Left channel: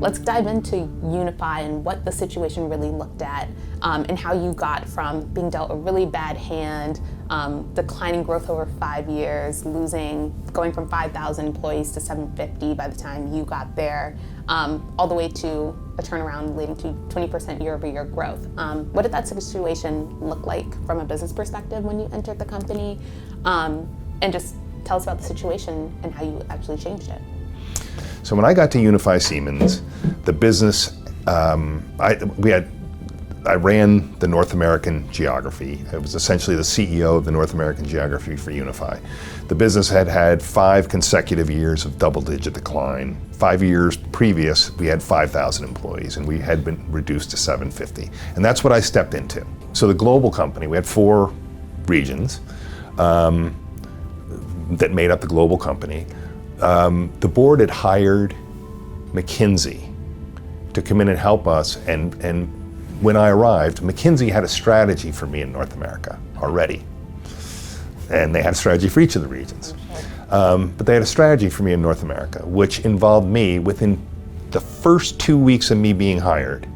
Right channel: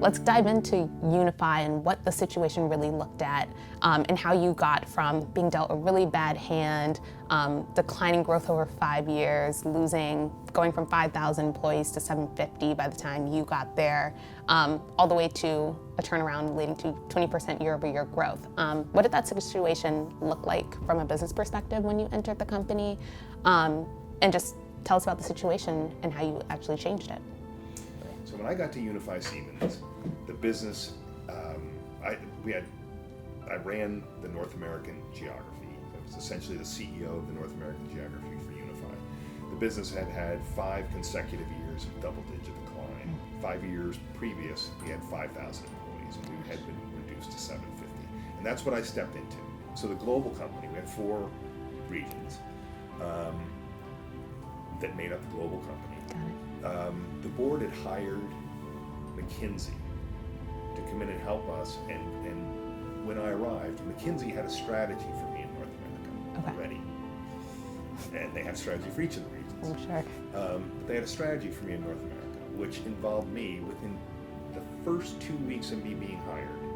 let's dive into Unify and what the situation really looked at, and how you got from being dealt a really bad hand, declining growth over 5 years, going from 5,000 employees to 750 by the time you got there, all the way to a turnaround leading to 20% year-over-year growth. What did that situation look like from a business perspective when you entered the company? And just tell us about the situation and how you actually changed it. So when I got to Unify Siemens, the business, I ran the North American geography. I was essentially the CEO of the North American geography for Unify. The business had had 5 consecutive years of double-digit decline. 5 years previous, we had 5,000 employees, and we had been reduced to 750. And that's what I stepped into. So the global company, we had 4 regions that made up the global company. The board had hired McKinsey to come in and help us, and when I arrived, McKinsey had a strategy for me in North America already. And they had a strategy for each of the regions. But they had a strategy for me in North America, which involved me, within the first 2 weeks of me being hired,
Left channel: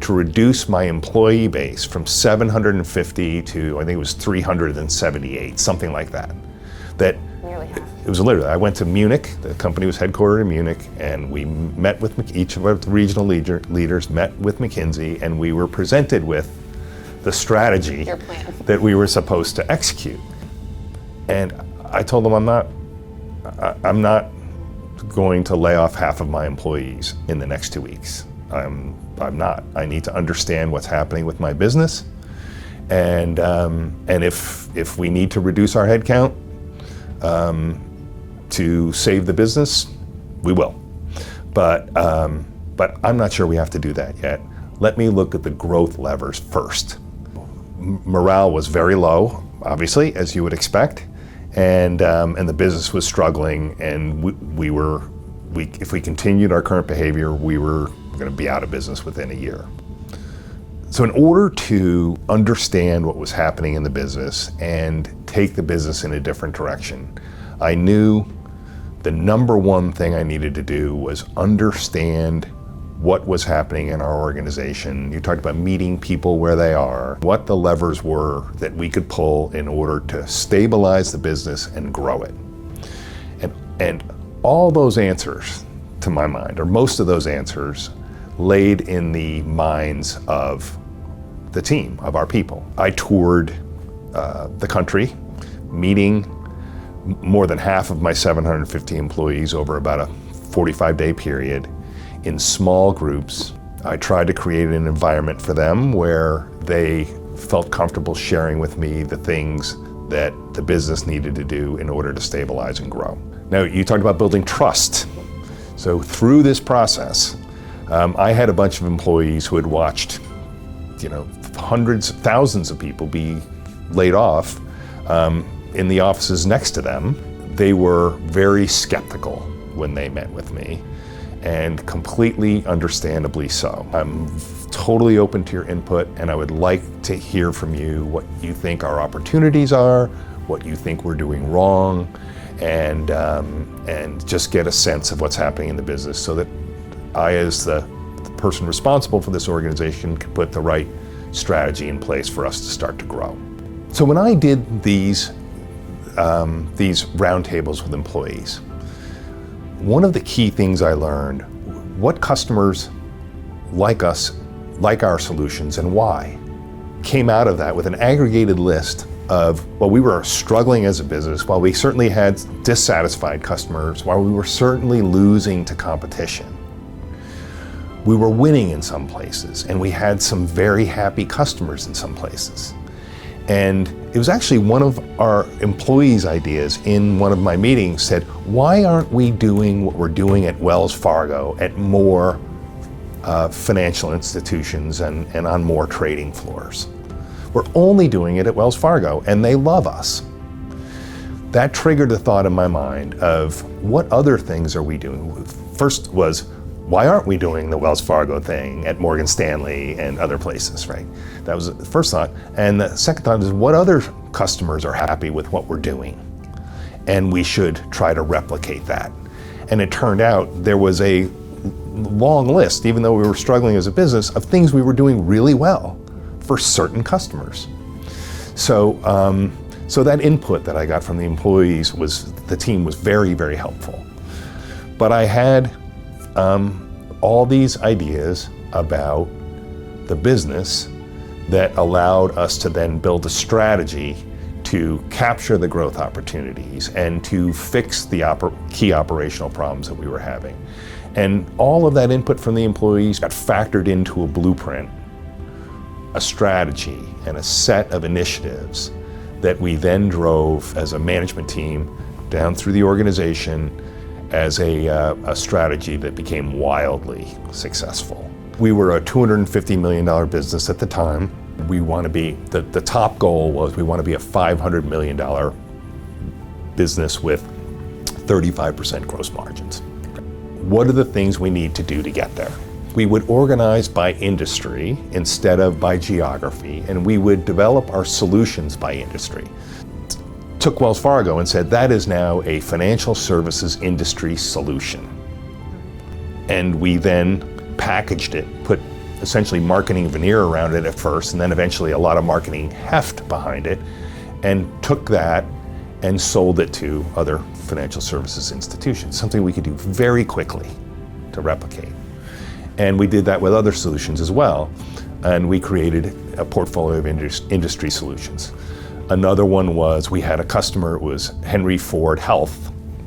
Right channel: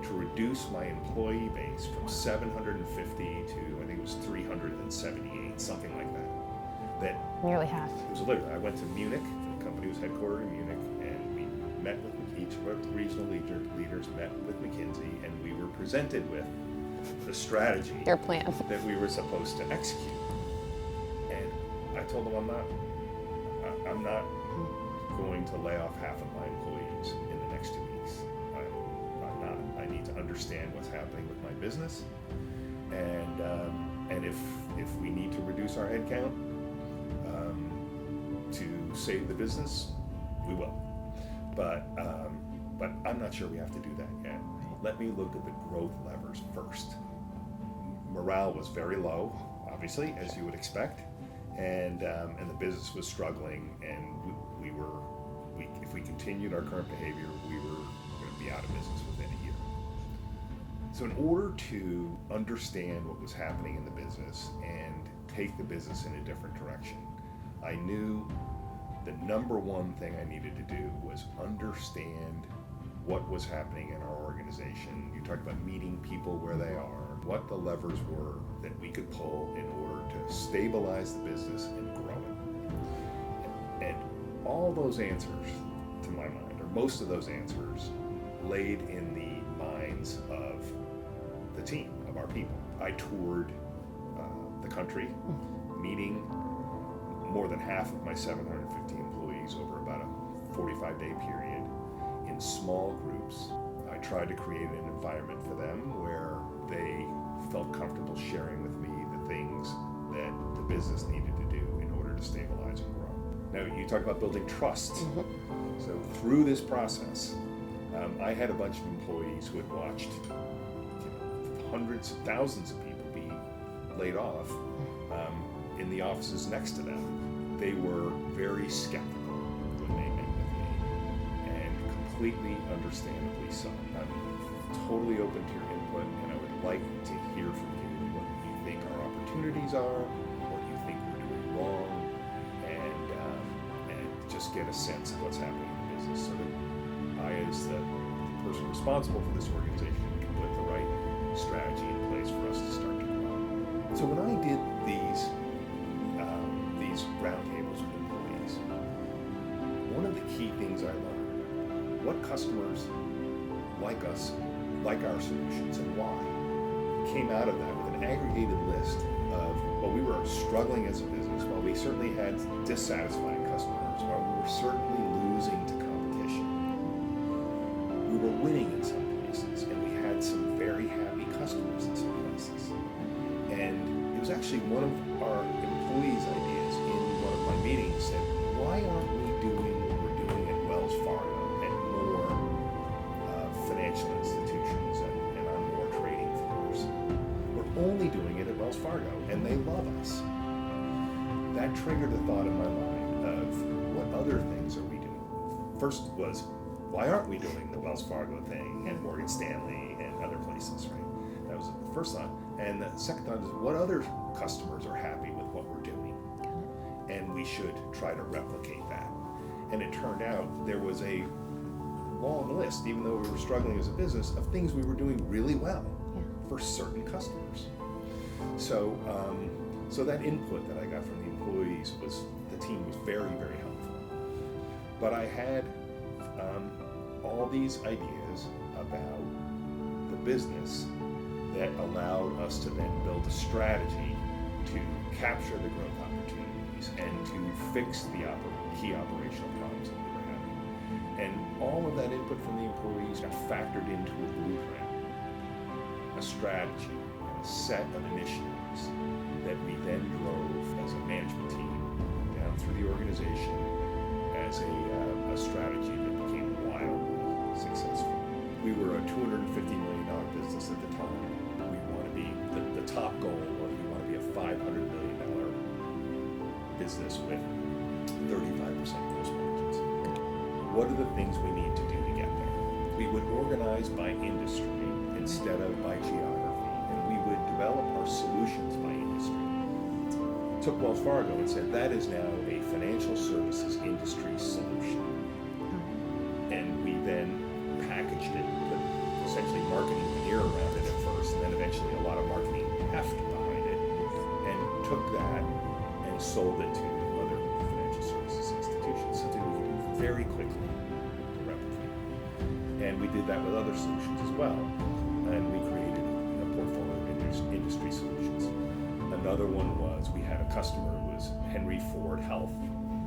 to reduce my employee base from 750 to, I think it was 378, something like that. Nearly half. It was literally, I went to Munich, the company was headquartered in Munich, and we met with each of our regional leaders met with McKinsey, and we were presented with the strategy, your plan, that we were supposed to execute. And I told them, I'm not going to lay off half of my employees in the next 2 weeks. I'm not. I need to understand what's happening with my business, and if we need to reduce our headcount to save the business, we will. But I'm not sure we have to do that yet. Let me look at the growth levers first. Morale was very low, obviously, as you would expect, and the business was struggling, and if we continued our current behavior, we were going to be out of business within a year. So in order to understand what was happening in the business and take the business in a different direction, I knew the number one thing I needed to do was understand what was happening in our organization. You talked about meeting people where they are, what the levers were that we could pull in order to stabilize the business and grow it. And all those answers, to my mind, or most of those answers, laid in the minds of the team, of our people. I toured the country, meeting more than half of my 750 employees over about a 45-day period in small groups. I tried to create an environment for them where they felt comfortable sharing with me the things that the business needed to do in order to stabilize and grow. Now, you talked about building trust. So through this process, I had a bunch of employees who had watched, hundreds, thousands of people be laid off in the offices next to them. They were very skeptical when they met with me, and completely understandably so. I'm totally open to your input, and I would like to hear from you what you think our opportunities are, what you think we're doing wrong, and just get a sense of what's happening in the business so that I, as the person responsible for this organization, can put the right strategy in place for us to start to grow. So when I did these roundtables with employees, one of the key things I learned, what customers like us, like our solutions, and why, came out of that with an aggregated list of, while we were struggling as a business, while we certainly had dissatisfied customers, while we were certainly losing to competition, we were winning in some places, and we had some very happy customers in some places. And it was actually one of our employees' ideas in one of my meetings said, why aren't we doing what we're doing at Wells Fargo at more financial institutions and on more trading floors? We're only doing it at Wells Fargo, and they love us. That triggered the thought in my mind of what other things are we doing? First was, why aren't we doing the Wells Fargo thing at Morgan Stanley and other places, right? That was the first thought. And the second thought is, what other customers are happy with what we're doing? And we should try to replicate that. And it turned out there was a long list, even though we were struggling as a business, of things we were doing really well for certain customers. So, so that input that I got from the employees the team was very, very helpful. But I had all these ideas about the business that allowed us to then build a strategy to capture the growth opportunities and to fix the key operational problems that we were having. And all of that input from the employees got factored into a blueprint, a strategy, and a set of initiatives that we then drove as a management team down through the organization as a strategy that became wildly successful. We were a $250 million business at the time. We want to be, the top goal was we want to be a $500 million business with 35% gross margins. What are the things we need to do to get there? We would organize by industry instead of by geography, and we would develop our solutions by industry. Took Wells Fargo and said, that is now a financial services industry solution. And we then packaged it, put essentially marketing veneer around it at first, and then eventually a lot of marketing heft behind it, and took that and sold it to other financial services institutions, something we could do very quickly to replicate. And we did that with other solutions as well, and we created a portfolio of industry solutions. Another one was, we had a customer, it was Henry Ford Health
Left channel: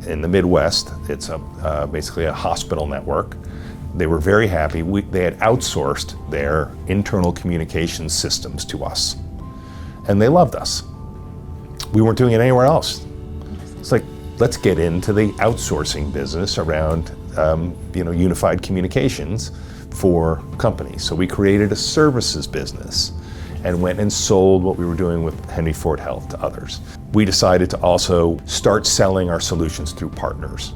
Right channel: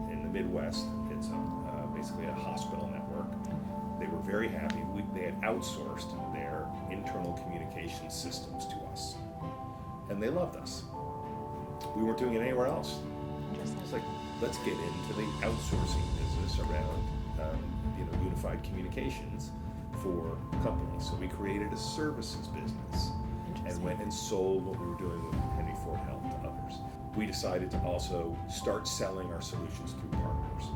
in the Midwest. It's basically a hospital network. They were very happy. They had outsourced their internal communications systems to us, and they loved us. We weren't doing it anywhere else. It's like, let's get into the outsourcing business around unified communications for companies. So we created a services business and went and sold what we were doing with Henry Ford Health to others. We decided to also start selling our solutions through partners.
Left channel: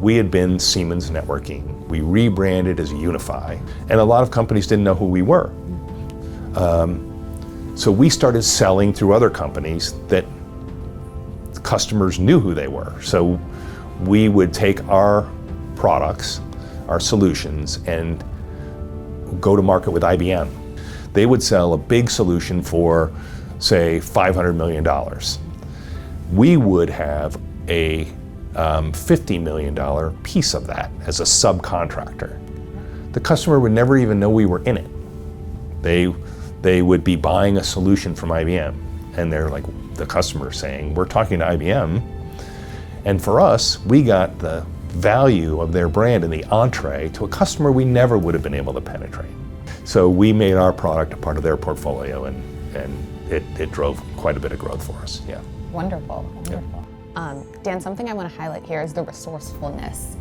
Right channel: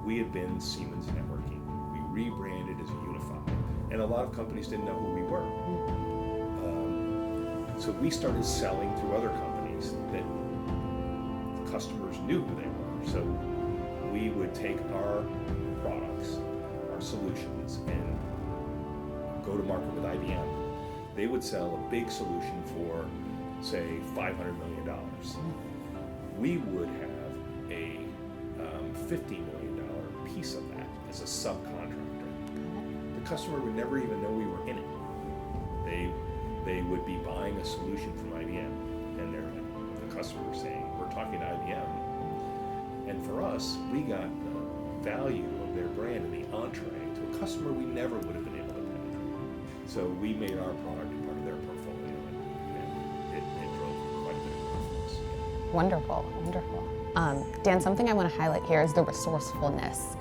We had been Siemens Networking. We rebranded as Unify, and a lot of companies didn't know who we were. So we started selling through other companies that customers knew who they were. So we would take our products, our solutions, and go to market with IBM. They would sell a big solution for, say, $500 million. We would have a $50 million piece of that as a subcontractor. The customer would never even know we were in it. They would be buying a solution from IBM, and they're like, the customer saying, we're talking to IBM. And for us, we got the value of their brand in the entree to a customer we never would have been able to penetrate. So we made our product a part of their portfolio, and it drove quite a bit of growth for us, yeah. Wonderful, wonderful. Dan, something I want to highlight here is the resourcefulness.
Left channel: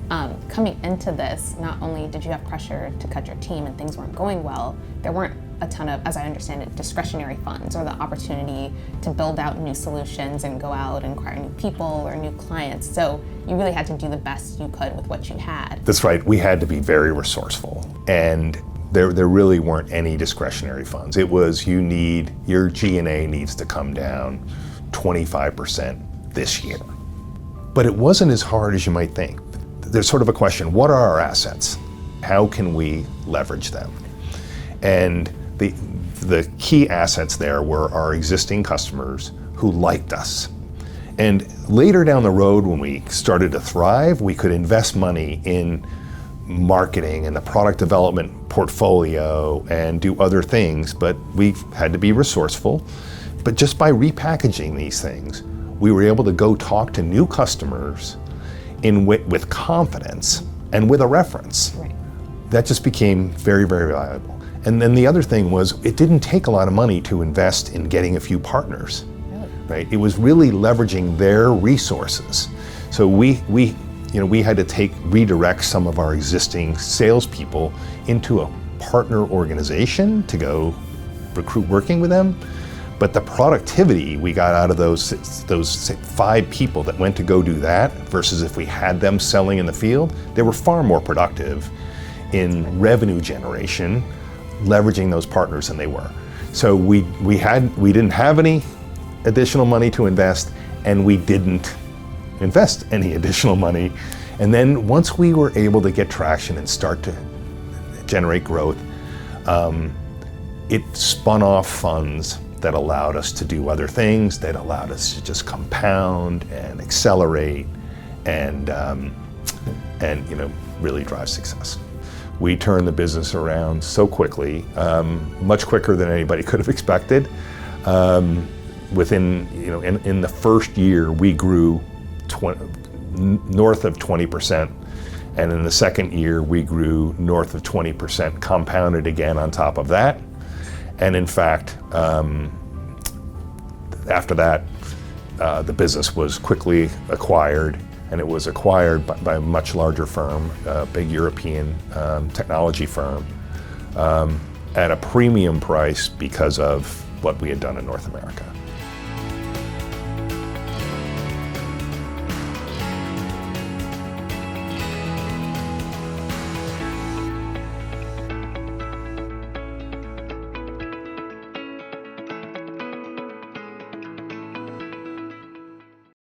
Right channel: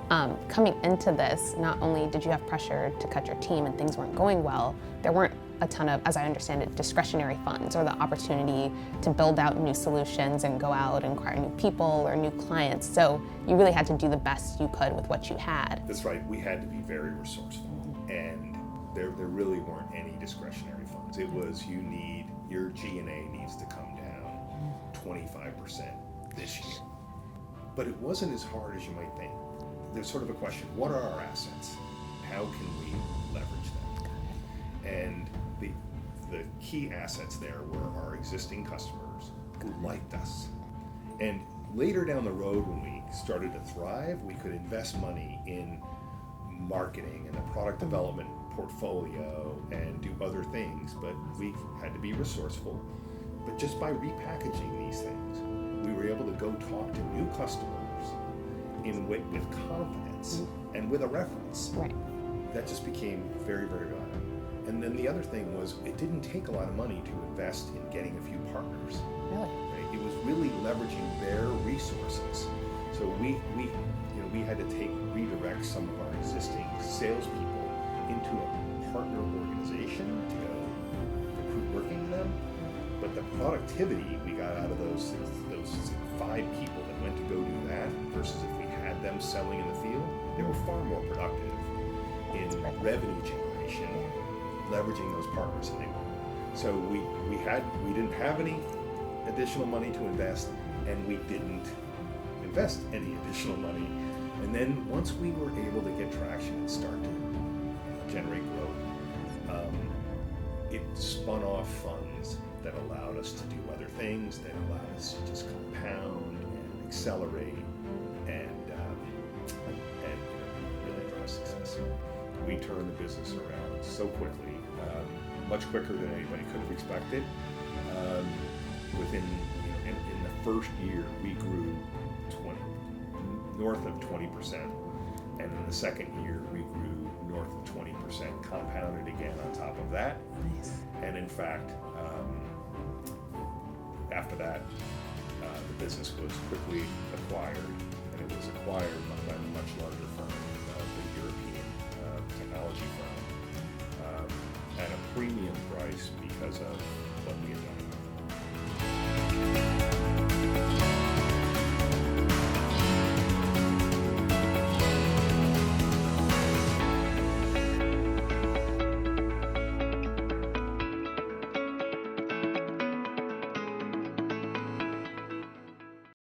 Coming into this, not only did you have pressure to cut your team and things weren't going well, there weren't a ton of, as I understand it, discretionary funds or the opportunity to build out new solutions and go out and acquire new people or new clients. So you really had to do the best you could with what you had. That's right. We had to be very resourceful, and there really weren't any discretionary funds. It was, your G&A needs to come down 25% this year. But it wasn't as hard as you might think. There's sort of a question, what are our assets? How can we leverage them? And the key assets there were our existing customers who liked us. And later down the road, when we started to thrive, we could invest money in marketing and the product development portfolio and do other things, but we had to be resourceful. But just by repackaging these things, we were able to go talk to new customers with confidence and with a reference. Right. That just became very, very valuable. And then the other thing was, it didn't take a lot of money to invest in getting a few partners. Really? Right? It was really leveraging their resources. So we had to redirect some of our existing salespeople into a partner organization to go recruit working with them. But the productivity we got out of those 5 people that went to go do that versus if we had them selling in the field, they were far more productive in revenue generation, leveraging those partners than they were. So we didn't have any additional money to invest, and we didn't invest any additional money. And then once we were able to get traction and start to generate growth, it spun off funds that allowed us to do other things, that allowed us to just compound and accelerate and really drive success. We turned the business around so quickly, much quicker than anybody could have expected. Within, in the first year, we grew north of 20%, and in the second year, we grew north of 20%, compounded again on top of that. And in fact, after that, the business was quickly acquired, and it was acquired by a much larger firm, a big European technology firm, at a premium price because of what we had done in North America.